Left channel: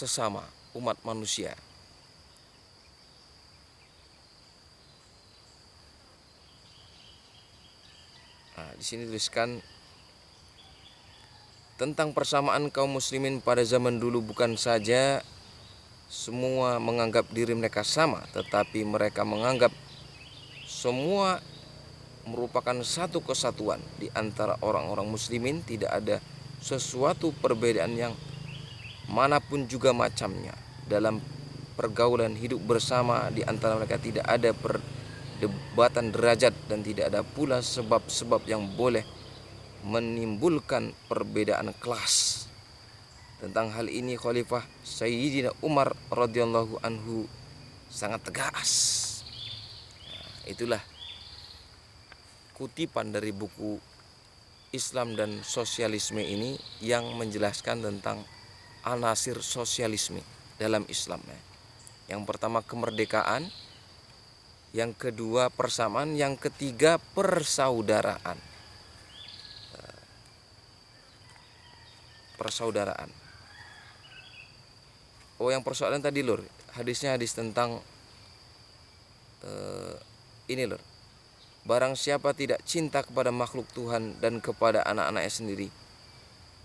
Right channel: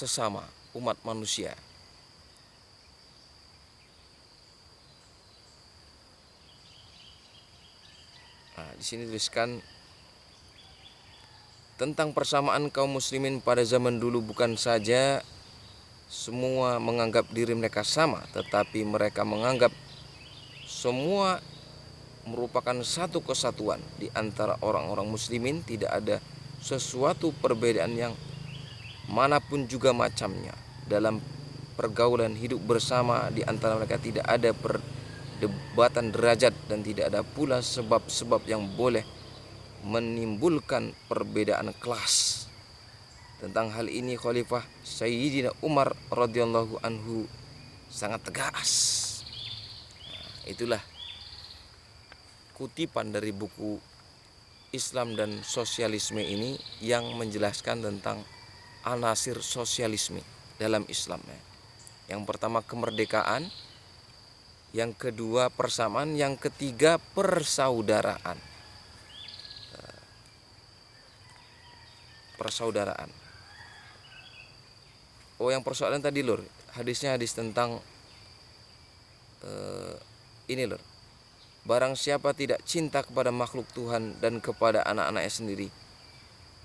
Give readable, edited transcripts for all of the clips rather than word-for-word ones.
sesama umat manusia. Nah, di sini tuliskan tentang persamaan kaum muslimin pada zaman dulu, bukan saja semua menganggap diri mereka sama, tetapi mereka menganggap semua merupakan satu kesatuan di antara orang-orang muslimin. Tidak ada sesuatu perbedaan yang manapun juga macamnya. Dalam pergaulan hidup bersama di antara mereka tidak ada perdebatan derajat dan tidak ada pula sebab-sebab yang boleh menimbulkan perbedaan kelas. Tentang hal ini Khalifah Sayyidina Umar radhiyallahu anhu sangat tegas. Itulah kutipan dari buku Islam dan Sosialisme ini yang menjelaskan tentang anasir sosialisme dalam Islam. Yang pertama kemerdekaan, yang kedua persamaan, yang ketiga persaudaraan. Persaudaraan. Oh, yang persaudaraan tadi lur, hadisnya hadis tentang ini lur. Barang siapa tidak cinta kepada makhluk Tuhan dan kepada anak-anaknya sendiri,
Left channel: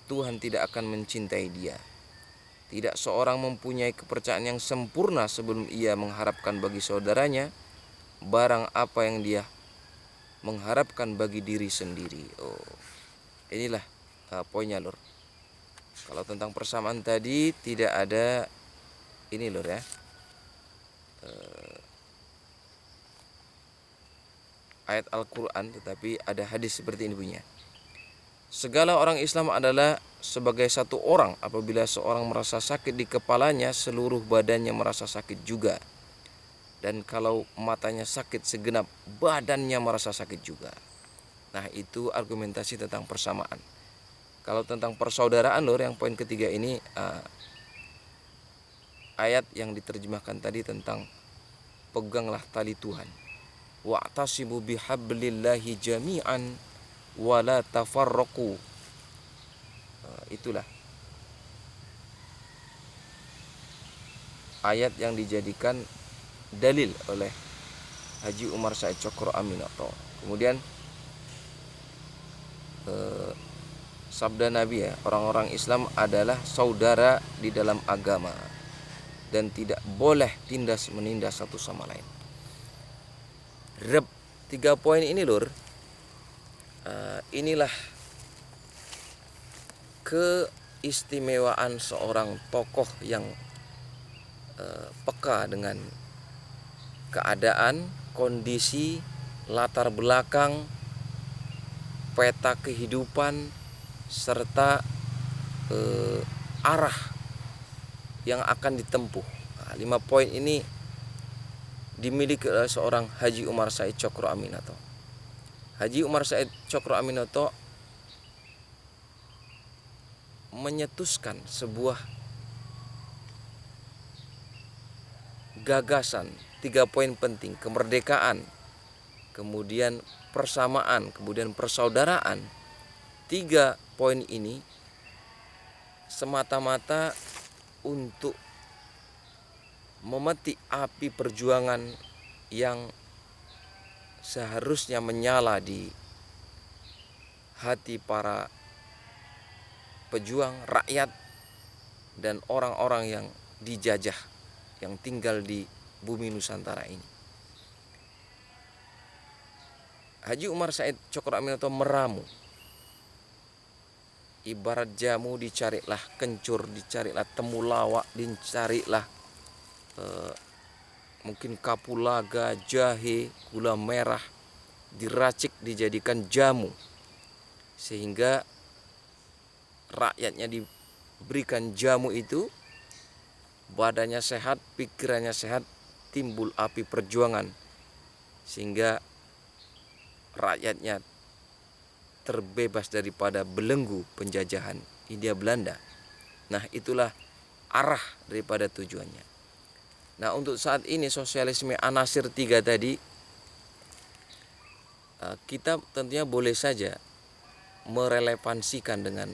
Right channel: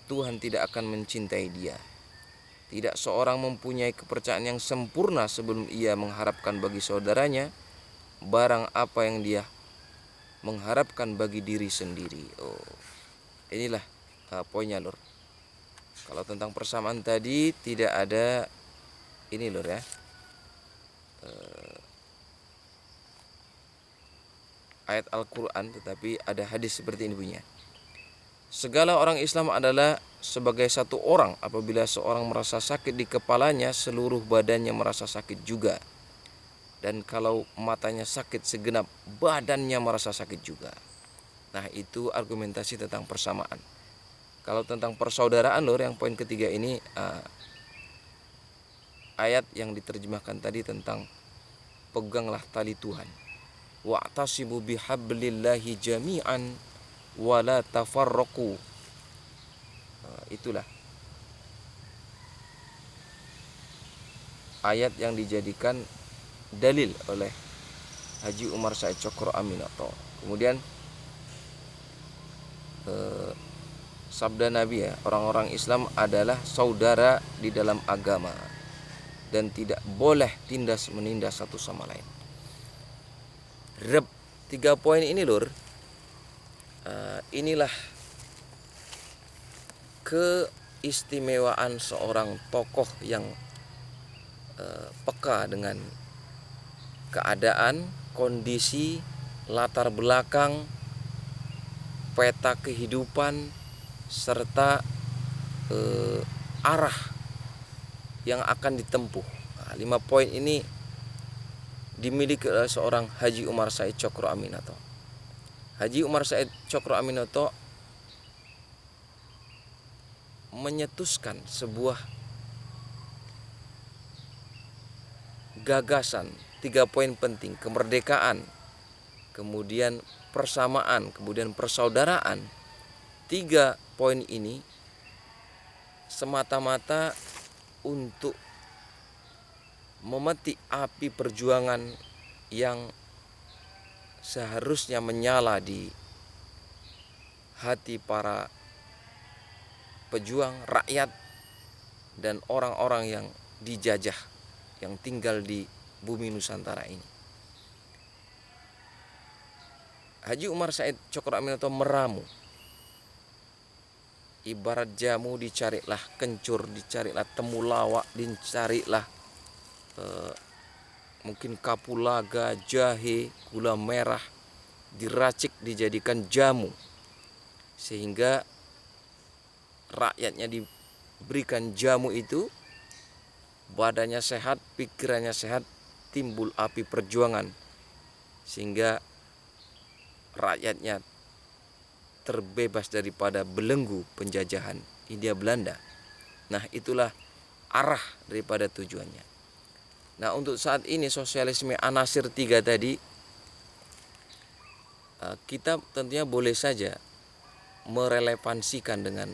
Tuhan tidak akan mencintai dia. Tidak seorang mempunyai kepercayaan yang sempurna sebelum ia mengharapkan bagi saudaranya barang apa yang dia mengharapkan bagi diri sendiri. Oh, inilah poinnya lur. Kalau tentang persamaan tadi tidak ada ini lur ya. Ayat Al-Quran, tetapi ada hadis seperti ini bunyinya. Segala orang Islam adalah sebagai satu orang. Apabila seorang merasa sakit di kepalanya, seluruh badannya merasa sakit juga. Dan kalau matanya sakit, segenap badannya merasa sakit juga. Nah, itu argumentasi tentang persamaan. Kalau tentang persaudaraan lor, yang poin ketiga ini ayat yang diterjemahkan tadi tentang peganglah tali Tuhan. Wa'tasimu bihablillahi jami'an wala tafarraqu. Itulah ayat yang dijadikan dalil oleh Haji Umar Said Cokro Aminoto. Kemudian sabda Nabi ya, orang-orang Islam adalah saudara di dalam agama dan tidak boleh tindas menindas satu sama lain. Reb 3 poin ini lur, inilah keistimewaan seorang tokoh yang peka dengan keadaan, kondisi, latar belakang, peta kehidupan, serta arah yang akan ditempuh. 5 poin ini dimiliki oleh seorang Haji Umar Said Cokro Aminoto. Haji Umar Said Cokro Aminoto menyetuskan sebuah gagasan 3 poin penting: kemerdekaan, kemudian persamaan, kemudian persaudaraan. 3 poin ini semata-mata untuk memetik api perjuangan yang seharusnya menyala di hati para pejuang, rakyat, dan orang-orang yang dijajah yang tinggal di bumi Nusantara ini. Haji Umar Said Cokro Aminoto meramu. Ibarat jamu, dicarilah kencur, dicarilah temulawak, dicarilah mungkin kapulaga, jahe, gula merah, diracik dijadikan jamu, sehingga rakyatnya diberikan jamu itu, badannya sehat, pikirannya sehat, timbul api perjuangan, sehingga rakyatnya terbebas daripada belenggu penjajahan Hindia Belanda. Nah, itulah arah daripada tujuannya. Nah, untuk saat ini sosialisme anasir 3 tadi, kita tentunya boleh saja merelevansikan dengan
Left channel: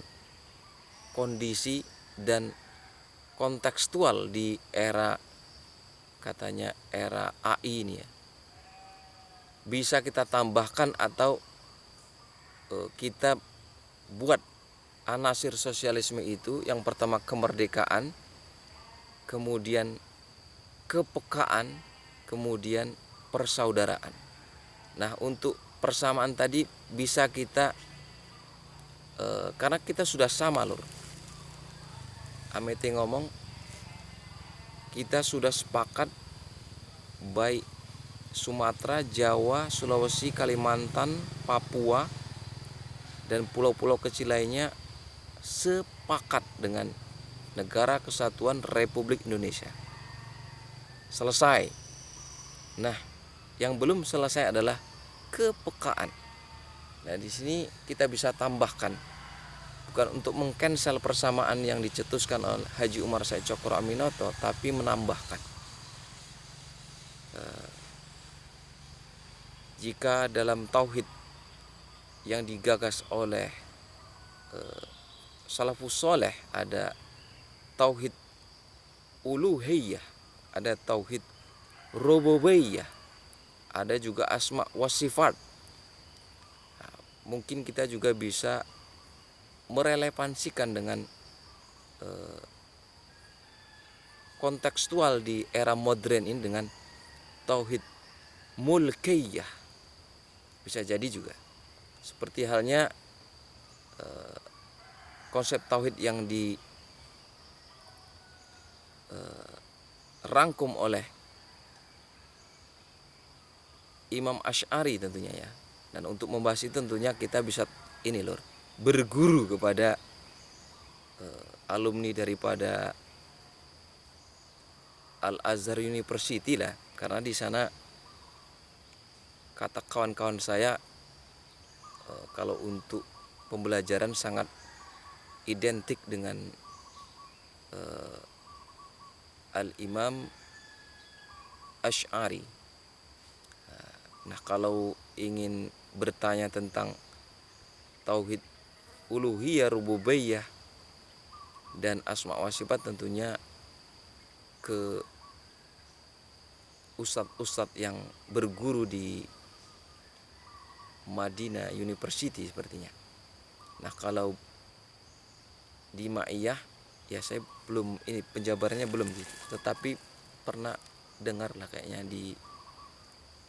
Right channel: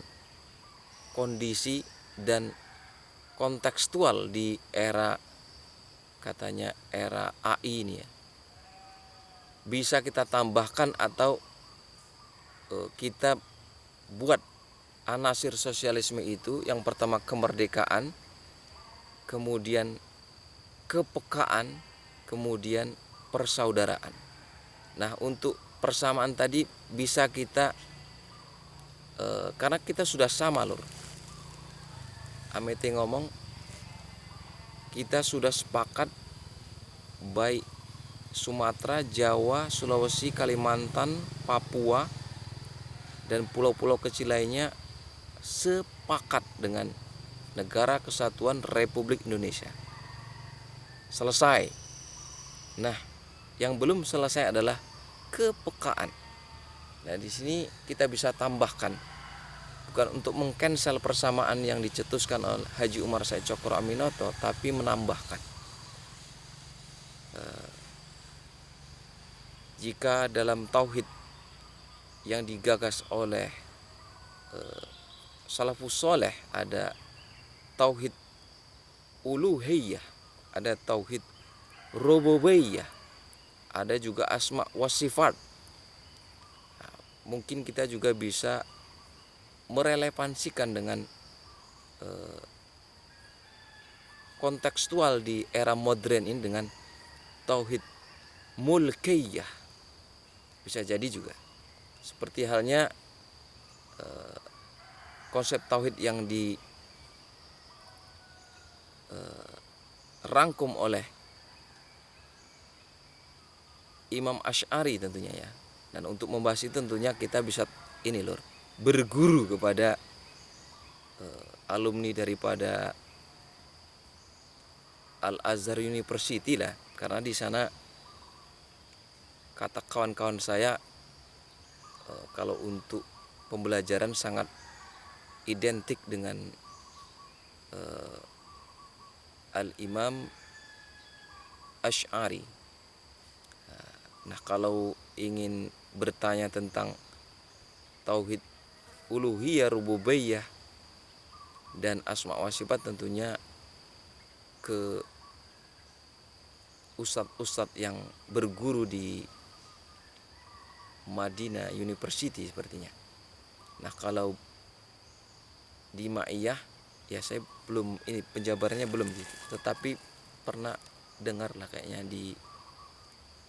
kondisi dan kontekstual di era, katanya era AI ini ya, bisa kita tambahkan atau kita buat anasir sosialisme itu. Yang pertama kemerdekaan, kemudian kepekaan, kemudian persaudaraan. Nah, untuk persamaan tadi bisa kita karena kita sudah sama lur. Amete ngomong kita sudah sepakat, baik Sumatera, Jawa, Sulawesi, Kalimantan, Papua, dan pulau-pulau kecil lainnya sepakat dengan Negara Kesatuan Republik Indonesia. Selesai. Nah, yang belum selesai adalah kepekaan. Nah, di sini kita bisa tambahkan, bukan untuk mengcancel persamaan yang dicetuskan oleh Haji Umar Said Cokro Aminoto, tapi menambahkan jika dalam tauhid yang digagas oleh salafus soleh ada tauhid uluhiyah, ada tauhid rububiyah, ada juga asma wa sifat. Nah, mungkin kita juga bisa merelevansikan dengan kontekstual di era modern ini dengan tauhid mulkiyah. Bisa jadi juga seperti halnya konsep tauhid yang dirangkum oleh Imam Asy'ari tentunya ya. Dan untuk membahas itu tentunya kita bisa ini lur, berguru kepada alumni daripada Al-Azhar University lah, karena di sana kata kawan-kawan saya kalau untuk pembelajaran sangat identik dengan Al-Imam Asy'ari. Nah, kalau ingin bertanya tentang tauhid uluhiyah, rububiyah, dan asma wa sifat tentunya ke ustadz-ustadz yang berguru di Madinah University sepertinya. Nah, kalau di Ma'iyah ya saya belum, ini penjabarannya belum, tetapi pernah dengar lah kayaknya di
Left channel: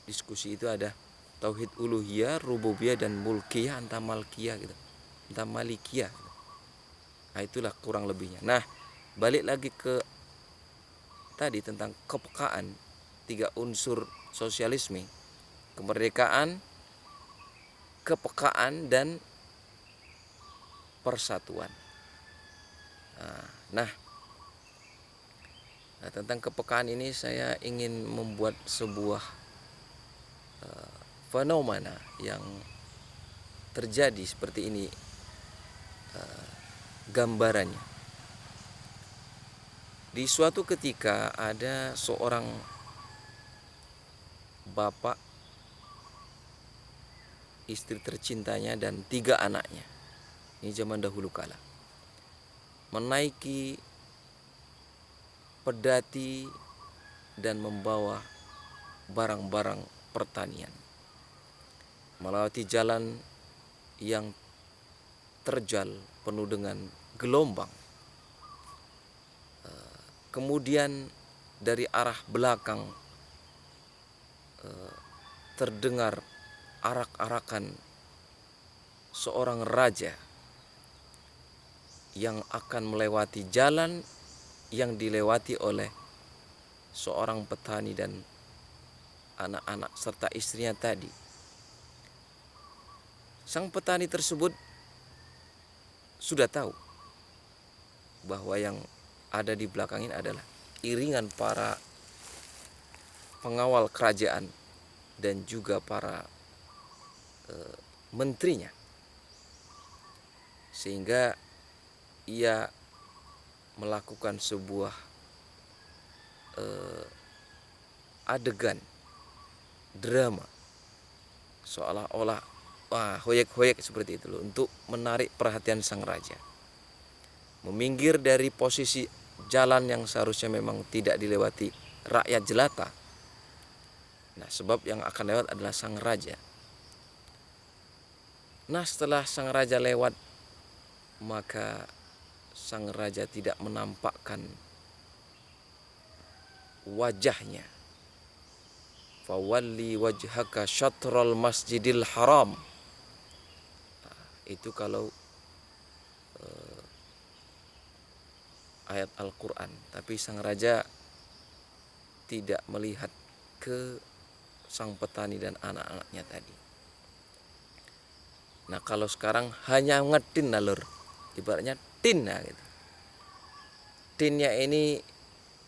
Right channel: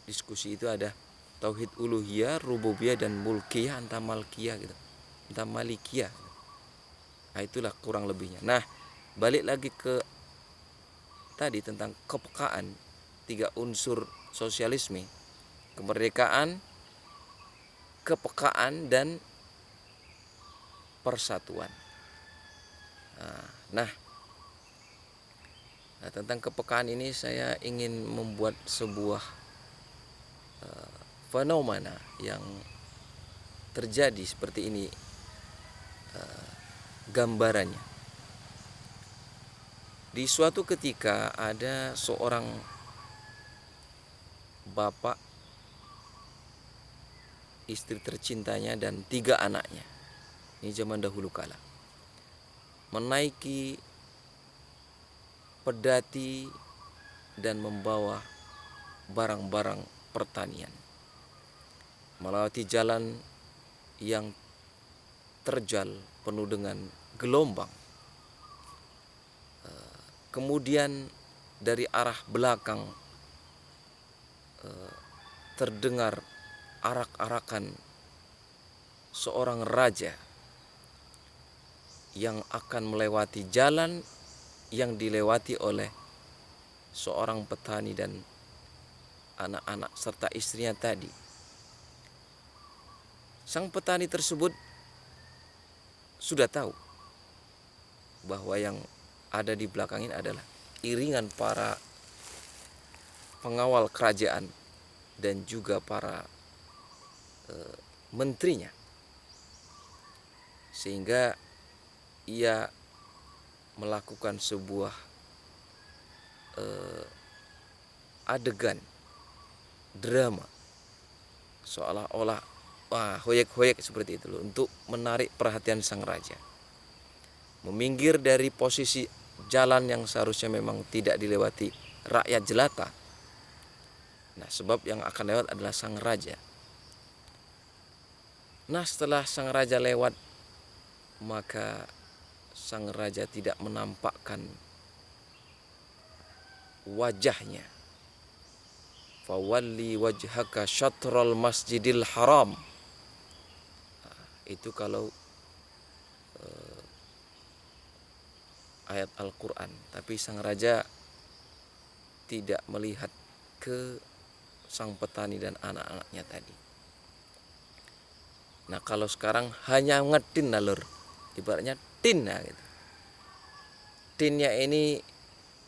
diskusi itu ada tauhid uluhiyah, rububiyah, dan mulkiyah, entah malkiyah gitu, entah malikiyah gitu. Nah, itulah kurang lebihnya. Nah, balik lagi ke tadi tentang kepekaan, 3 unsur sosialisme: kemerdekaan, kepekaan, dan persatuan. Nah, tentang kepekaan ini saya ingin membuat sebuah fenomena yang terjadi seperti ini gambarannya. Di suatu ketika ada seorang bapak, istri tercintanya, dan 3 anaknya. Ini zaman dahulu kala. Menaiki pedati dan membawa barang-barang pertanian, melewati jalan yang terjal penuh dengan gelombang. Kemudian dari arah belakang terdengar arak-arakan seorang raja yang akan melewati jalan yang dilewati oleh seorang petani dan anak-anak serta istrinya tadi. Sang petani tersebut sudah tahu bahwa yang ada di belakang ini adalah iringan para pengawal kerajaan dan juga para menterinya, sehingga ia melakukan sebuah adegan drama seolah-olah hoyek-hoyek seperti itu loh, untuk menarik perhatian sang raja. Meminggir dari posisi jalan yang seharusnya memang tidak dilewati rakyat jelata. Nah, sebab yang akan lewat adalah sang raja. Nah, setelah sang raja lewat, maka sang raja tidak menampakkan wajahnya. Fawalli wajhaka syatrul masjidil haram. Nah, itu kalau ayat Al-Quran. Tapi sang raja tidak melihat ke sang petani dan anak-anaknya tadi. Nah, kalau sekarang hanya ngetin alur, ibaratnya tin nah, gitu. Tinnya ini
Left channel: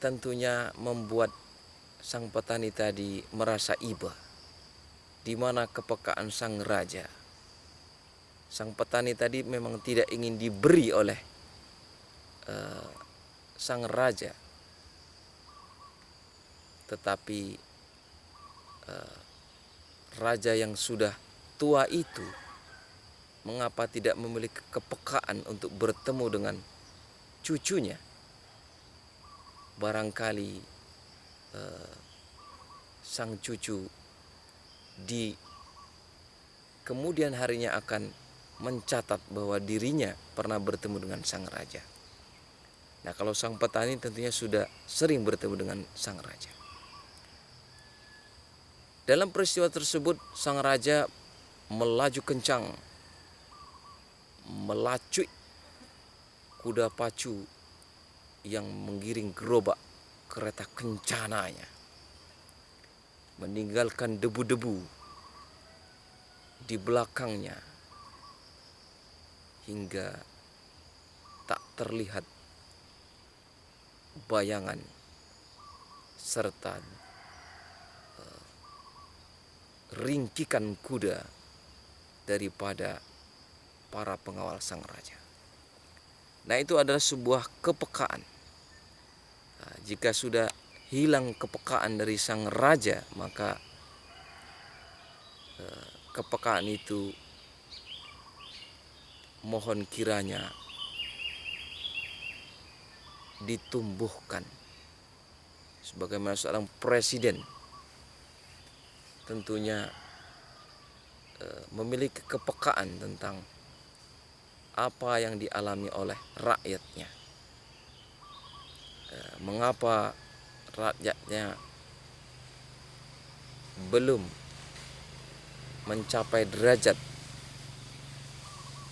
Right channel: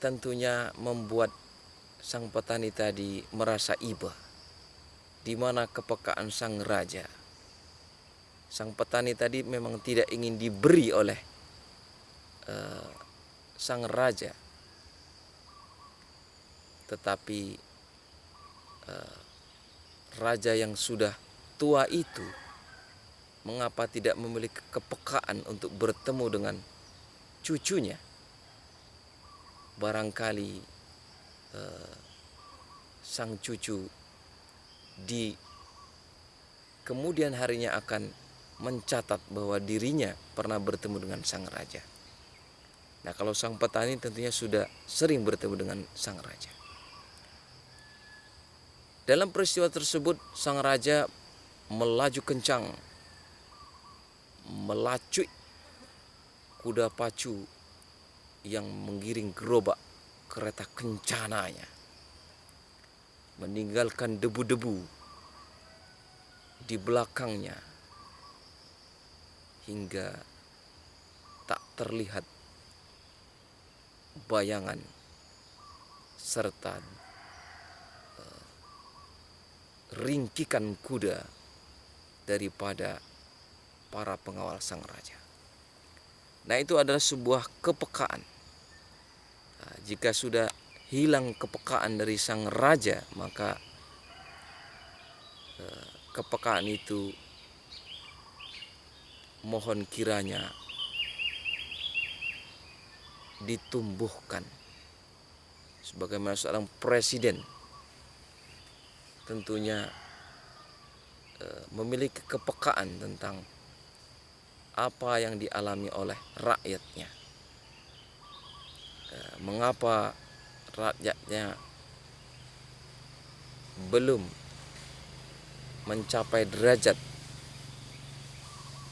tentunya membuat sang petani tadi merasa iba, di mana kepekaan sang raja. Sang petani tadi memang tidak ingin diberi oleh sang raja, tetapi raja yang sudah tua itu mengapa tidak memiliki kepekaan untuk bertemu dengan cucunya? Barangkali sang cucu di kemudian harinya akan mencatat bahwa dirinya pernah bertemu dengan sang raja. Nah, kalau sang petani tentunya sudah sering bertemu dengan sang raja. Dalam peristiwa tersebut, sang raja melaju kencang, melacui kuda pacu yang menggiring gerobak kereta kencananya, meninggalkan debu-debu di belakangnya hingga tak terlihat bayangan serta ringkikan kuda daripada para pengawal sang raja. Nah, itu adalah sebuah kepekaan. Nah, jika sudah hilang kepekaan dari sang raja, maka kepekaan itu mohon kiranya ditumbuhkan. Sebagaimana seorang presiden tentunya memiliki kepekaan tentang apa yang dialami oleh rakyatnya. Mengapa rakyatnya belum mencapai derajat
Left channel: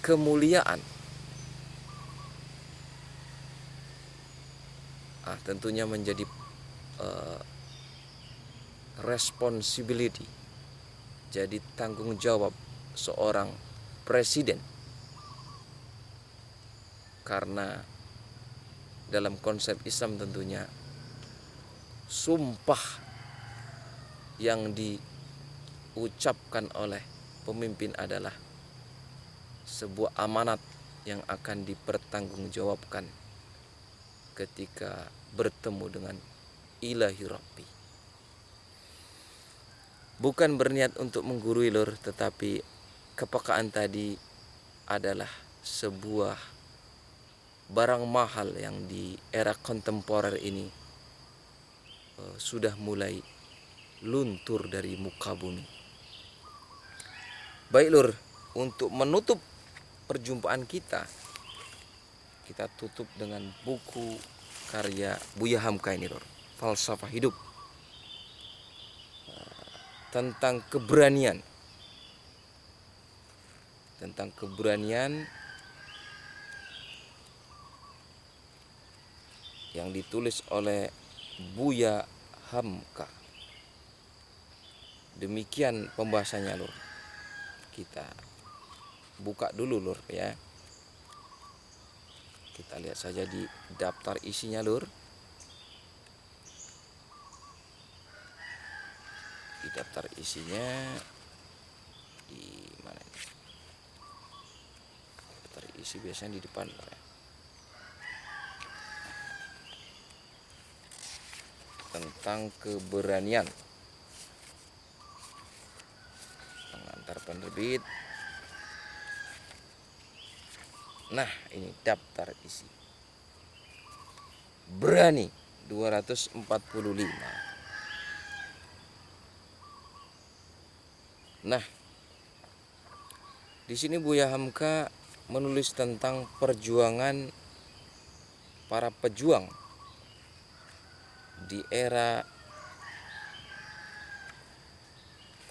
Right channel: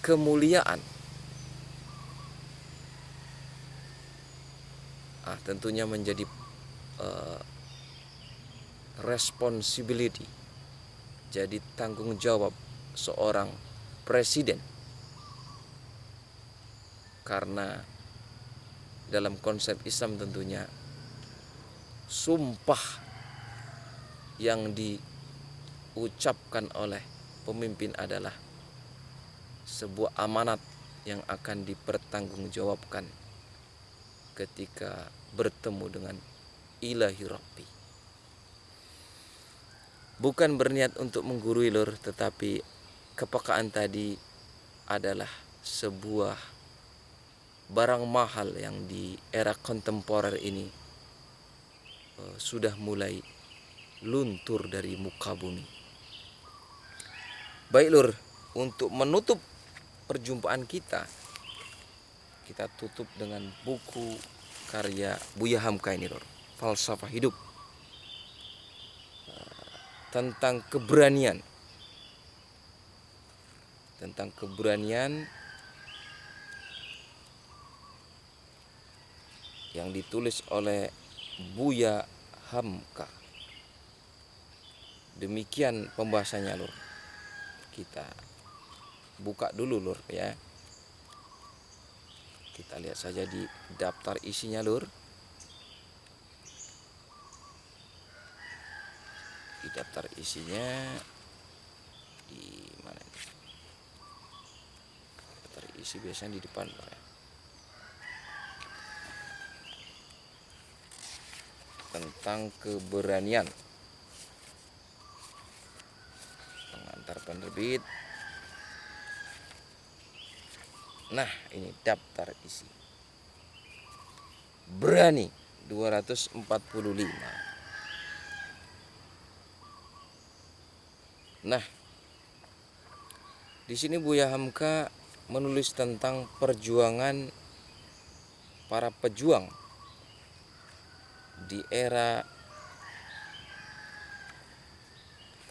kemuliaan? Tentunya menjadi responsibility, jadi tanggung jawab seorang presiden. Karena dalam konsep Islam tentunya sumpah yang diucapkan oleh pemimpin adalah sebuah amanat yang akan dipertanggungjawabkan ketika bertemu dengan ilahi Rabbi. Bukan berniat untuk menggurui lur, tetapi kepekaan tadi adalah sebuah barang mahal yang di era kontemporer ini sudah mulai luntur dari muka bumi. Baik lur, untuk menutup perjumpaan kita tutup dengan buku karya Buya Hamka ini lur, Falsafah Hidup, tentang keberanian. Yang ditulis oleh Buya Hamka. Demikian pembahasannya lur. Kita buka dulu lur ya. Kita lihat saja di daftar isinya lur. Di daftar isinya di mana ini? Daftar isi biasanya di depan lur ya. Tentang keberanian, pengantar penerbit. Nah, ini daftar isi. berani 245. Nah, di sini Buya Hamka menulis tentang perjuangan para pejuang di era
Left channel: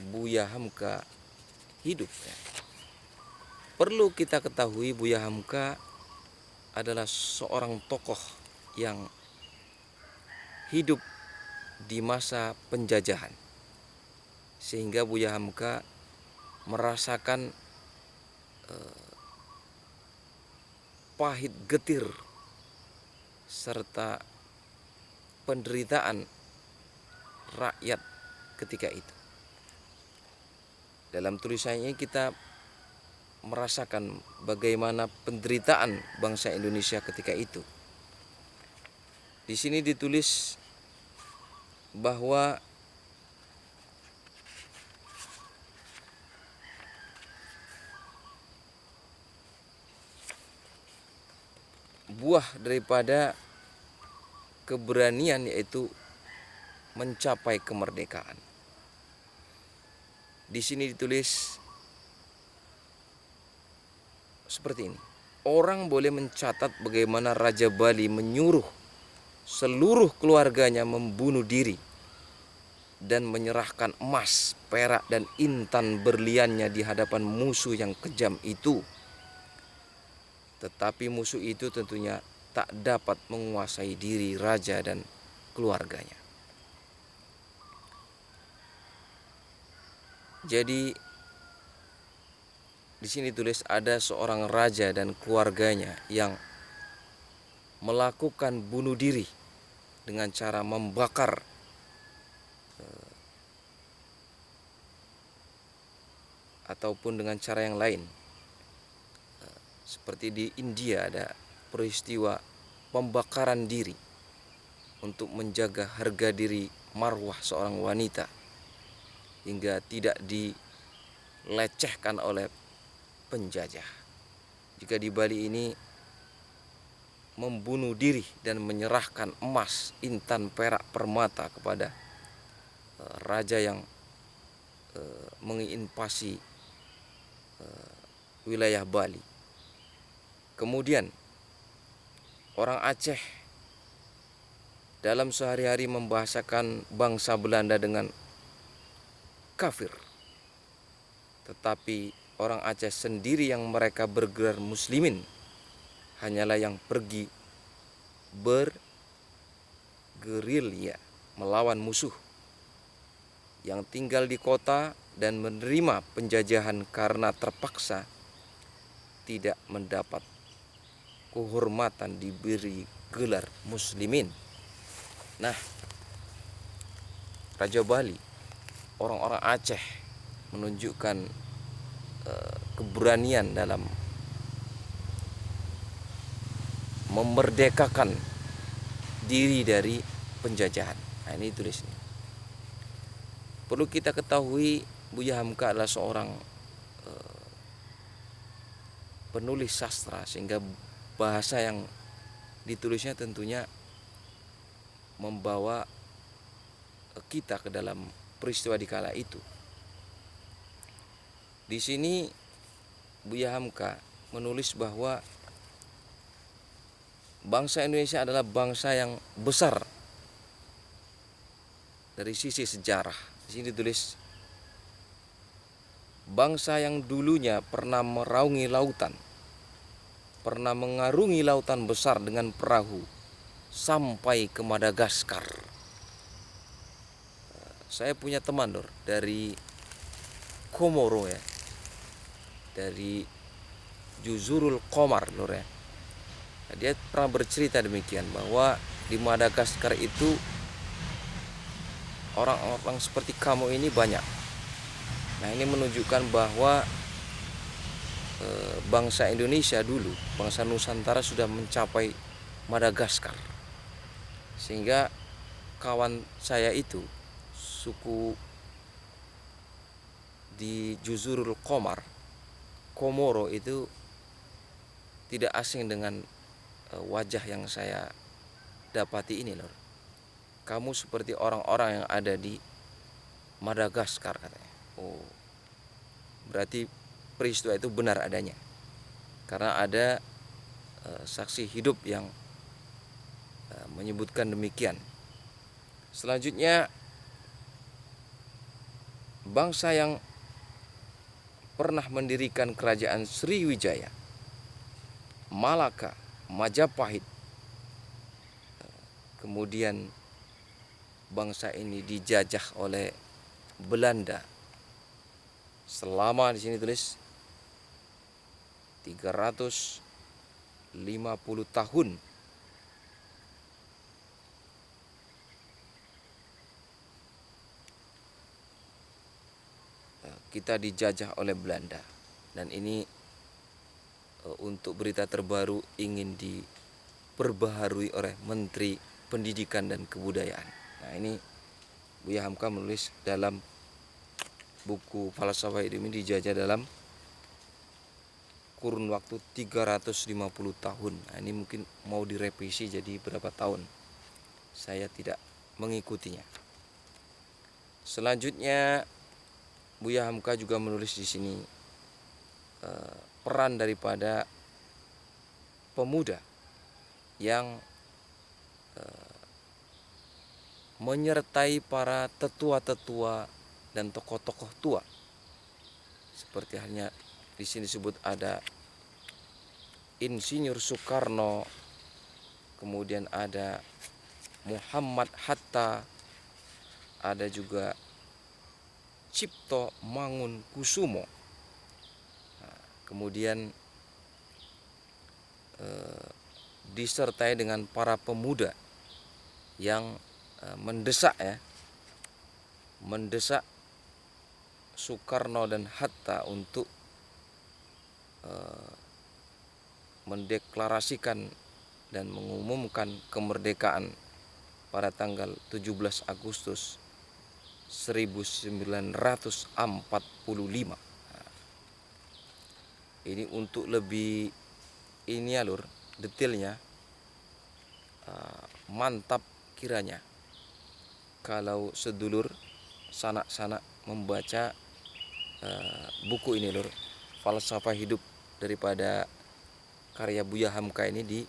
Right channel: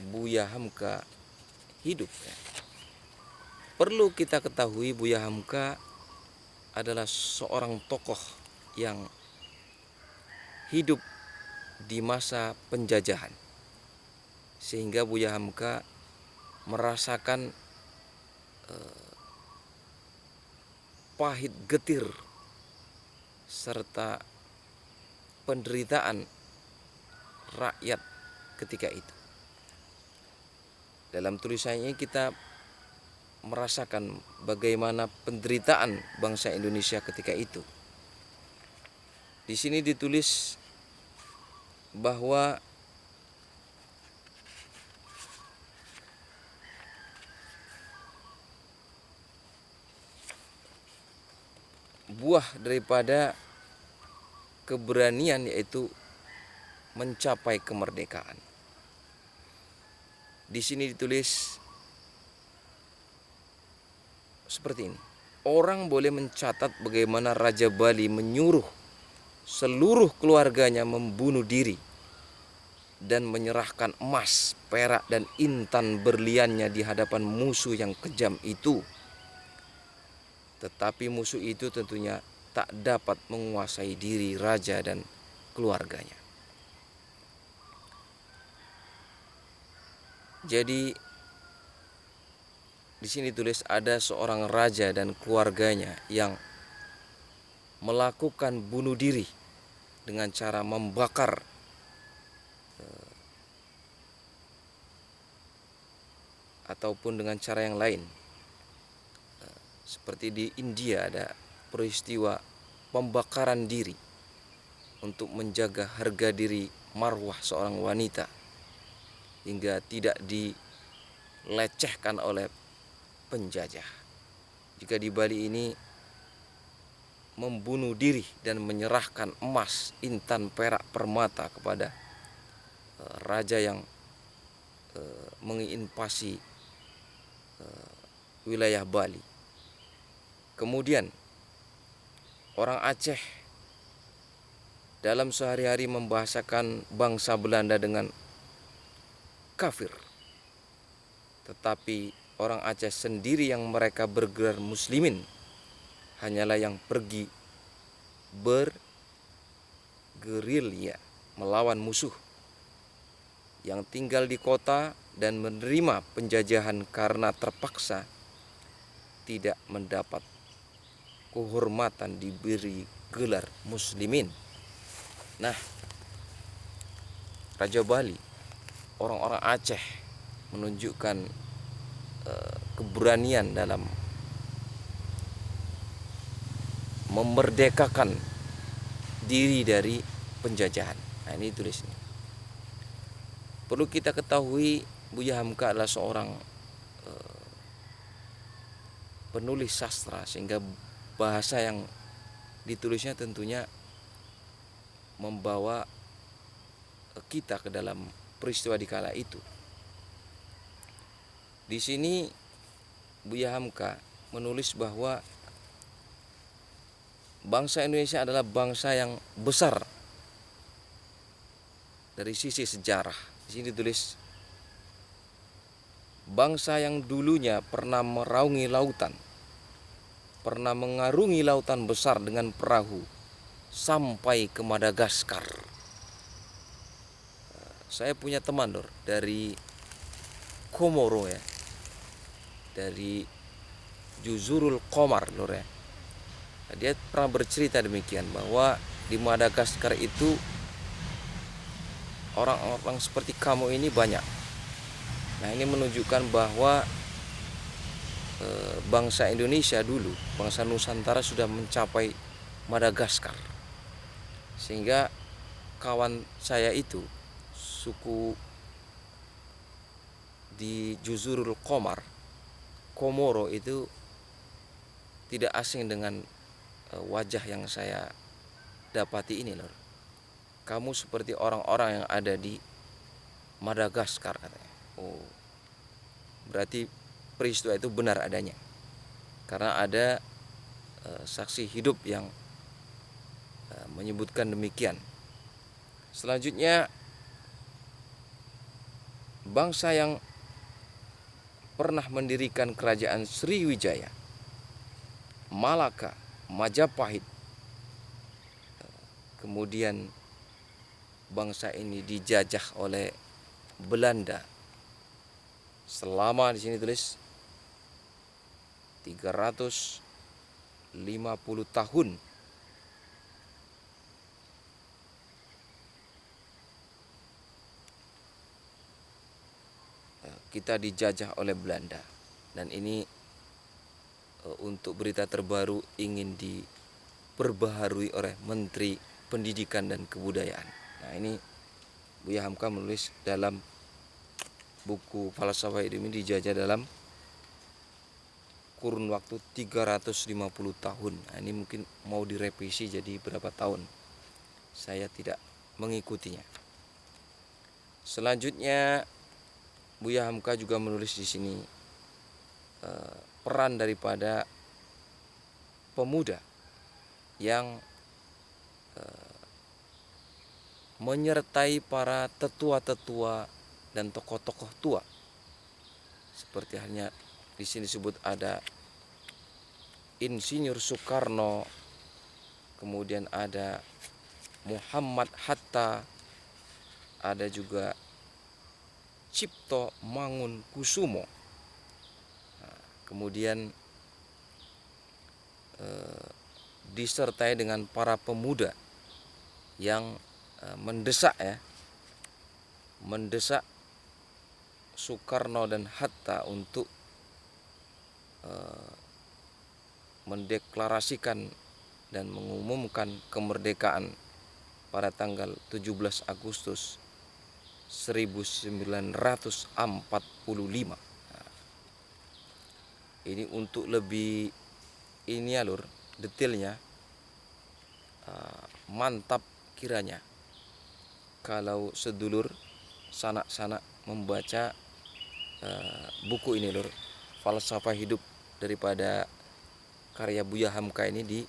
Buya Hamka hidup. Perlu kita ketahui Buya Hamka adalah seorang tokoh yang hidup di masa penjajahan, sehingga Buya Hamka merasakan pahit getir serta penderitaan rakyat ketika itu. Dalam tulisannya kita merasakan bagaimana penderitaan bangsa Indonesia ketika itu. Di sini ditulis bahwa buah daripada keberanian yaitu mencapai kemerdekaan. Di sini ditulis seperti ini. Orang boleh mencatat bagaimana Raja Bali menyuruh seluruh keluarganya membunuh diri dan menyerahkan emas, perak, dan intan berliannya di hadapan musuh yang kejam itu. Tetapi musuh itu tentunya tak dapat menguasai diri raja dan keluarganya. Jadi di sini tulis ada seorang raja dan keluarganya yang melakukan bunuh diri dengan cara membakar ataupun dengan cara yang lain. Seperti di India ada peristiwa pembakaran diri untuk menjaga harga diri marwah seorang wanita hingga tidak dilecehkan oleh penjajah. Jika di Bali ini membunuh diri dan menyerahkan emas, intan, perak, permata kepada raja yang menginvasi wilayah Bali. Kemudian orang Aceh dalam sehari-hari membahasakan bangsa Belanda dengan kafir. Tetapi orang Aceh sendiri yang mereka bergelar muslimin hanyalah yang pergi bergerilya melawan musuh yang tinggal di kota dan menerima penjajahan karena terpaksa tidak mendapat kehormatan diberi gelar muslimin. Nah, Raja Bali, orang-orang Aceh menunjukkan keberanian dalam memerdekakan diri dari penjajahan. Nah, ini tulis ini. Perlu kita ketahui Buya Hamka adalah seorang penulis sastra, sehingga bahasa yang ditulisnya tentunya membawa kita ke dalam peristiwa di kala itu. Di sini Buya Hamka menulis bahwa bangsa Indonesia adalah bangsa yang besar dari sisi sejarah. Di sini ditulis bangsa yang dulunya pernah meraungi lautan, pernah mengarungi lautan besar dengan perahu sampai ke Madagaskar. Saya punya teman dari Komoro ya, dari Juzurul Qomar ya. Dia pernah bercerita demikian bahwa di Madagaskar itu orang-orang seperti kamu ini banyak. Nah, ini menunjukkan bahwa bangsa Indonesia dulu, bangsa Nusantara sudah mencapai Madagaskar. Sehingga kawan saya itu, suku di Juzurul Qomar, Komoro itu tidak asing dengan wajah yang saya dapati ini lur. Kamu seperti orang-orang yang ada di Madagaskar katanya. Oh, berarti peristiwa itu benar adanya. Karena ada saksi hidup yang menyebutkan demikian. Selanjutnya, bangsa yang pernah mendirikan kerajaan Sriwijaya, Malaka, Majapahit, kemudian bangsa ini dijajah oleh Belanda selama, di sini tulis 350 tahun. Kita dijajah oleh Belanda, dan ini untuk berita terbaru ingin diperbaharui oleh Menteri Pendidikan dan Kebudayaan. Nah, ini Buya Hamka menulis dalam buku Falsafah Hidup ini dijajah dalam kurun waktu 350 tahun. Nah, ini mungkin mau direvisi jadi berapa tahun. Saya tidak mengikutinya. Selanjutnya Buya Hamka juga menulis di sini peran daripada pemuda yang menyertai para tetua-tetua dan tokoh-tokoh tua. Seperti halnya di sini disebut ada Insinyur Soekarno, kemudian ada Muhammad Hatta, ada juga Cipto Mangunkusumo. Nah, kemudian disertai dengan para pemuda yang mendesak Soekarno dan Hatta untuk mendeklarasikan dan mengumumkan kemerdekaan pada tanggal 17 Agustus 1945. Nah, ini untuk lebih ini ya lur, detailnya mantap kiranya kalau sedulur sanak-sanak membaca buku ini lur, Falsafah Hidup daripada karya Buya Hamka ini di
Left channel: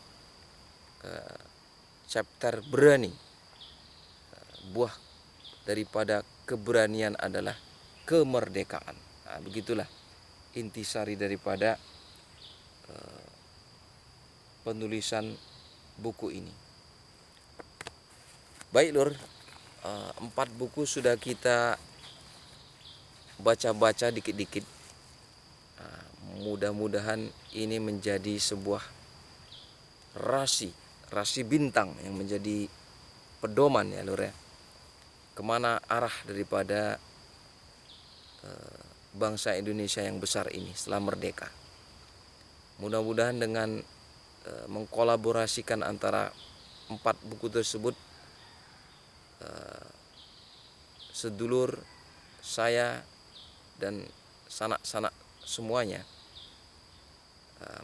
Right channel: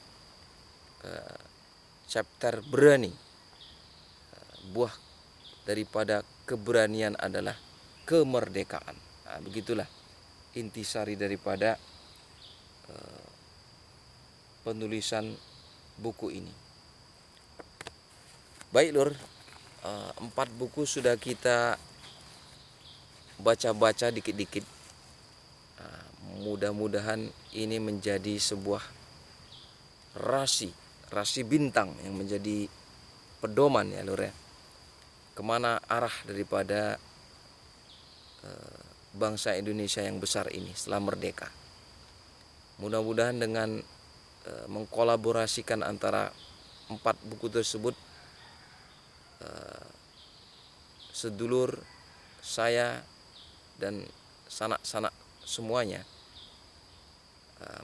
chapter berani. Buah daripada keberanian adalah kemerdekaan. Nah, begitulah intisari daripada penulisan buku ini. Baik lur, 4 buku sudah kita baca-baca dikit-dikit. Mudah-mudahan ini menjadi sebuah rasi bintang yang menjadi pedoman ya lur ya, kemana arah daripada bangsa Indonesia yang besar ini setelah merdeka. Mudah-mudahan dengan mengkolaborasikan antara 4 buku tersebut, sedulur saya dan sanak-sanak semuanya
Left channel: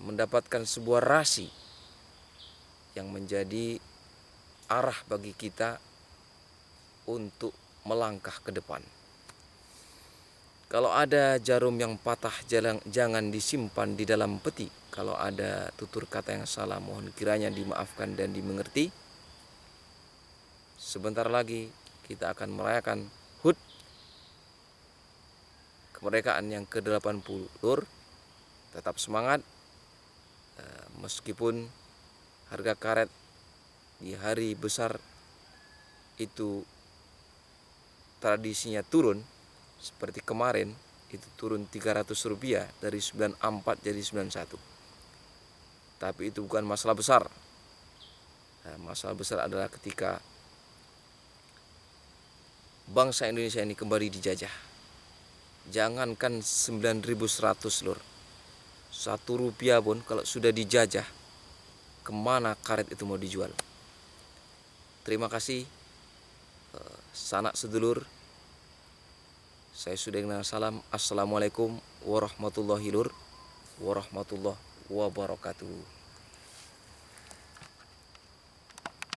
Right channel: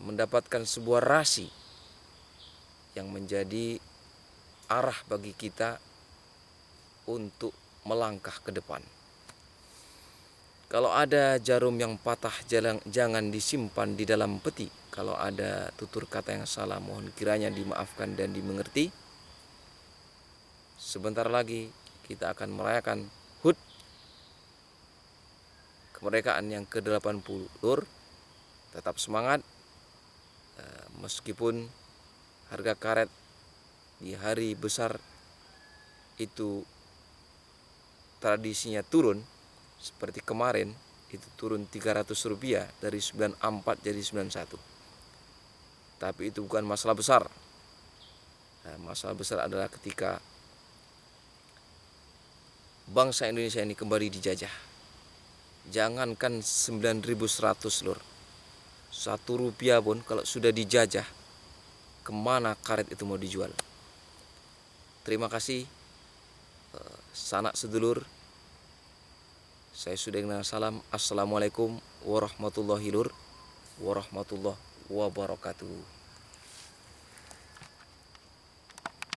mendapatkan sebuah rasi yang menjadi arah bagi kita untuk melangkah ke depan. Kalau ada jarum yang patah jangan disimpan di dalam peti. Kalau ada tutur kata yang salah mohon kiranya dimaafkan dan dimengerti. Sebentar lagi kita akan merayakan HUT kemerdekaan yang ke-80 lur. Tetap semangat meskipun harga karet di hari besar itu tradisinya turun. Seperti kemarin itu turun Rp300 dari 94 jadi 91. Tapi itu bukan masalah besar. Masalah besar adalah ketika bangsa Indonesia ini kembali dijajah. Jangankan 9.100 lur, Rp1 pun kalau sudah dijajah, kemana karet itu mau dijual. Terima kasih sanak sedulur. Saya sudah dengan salam. Assalamualaikum warahmatullahi wabarakatuh.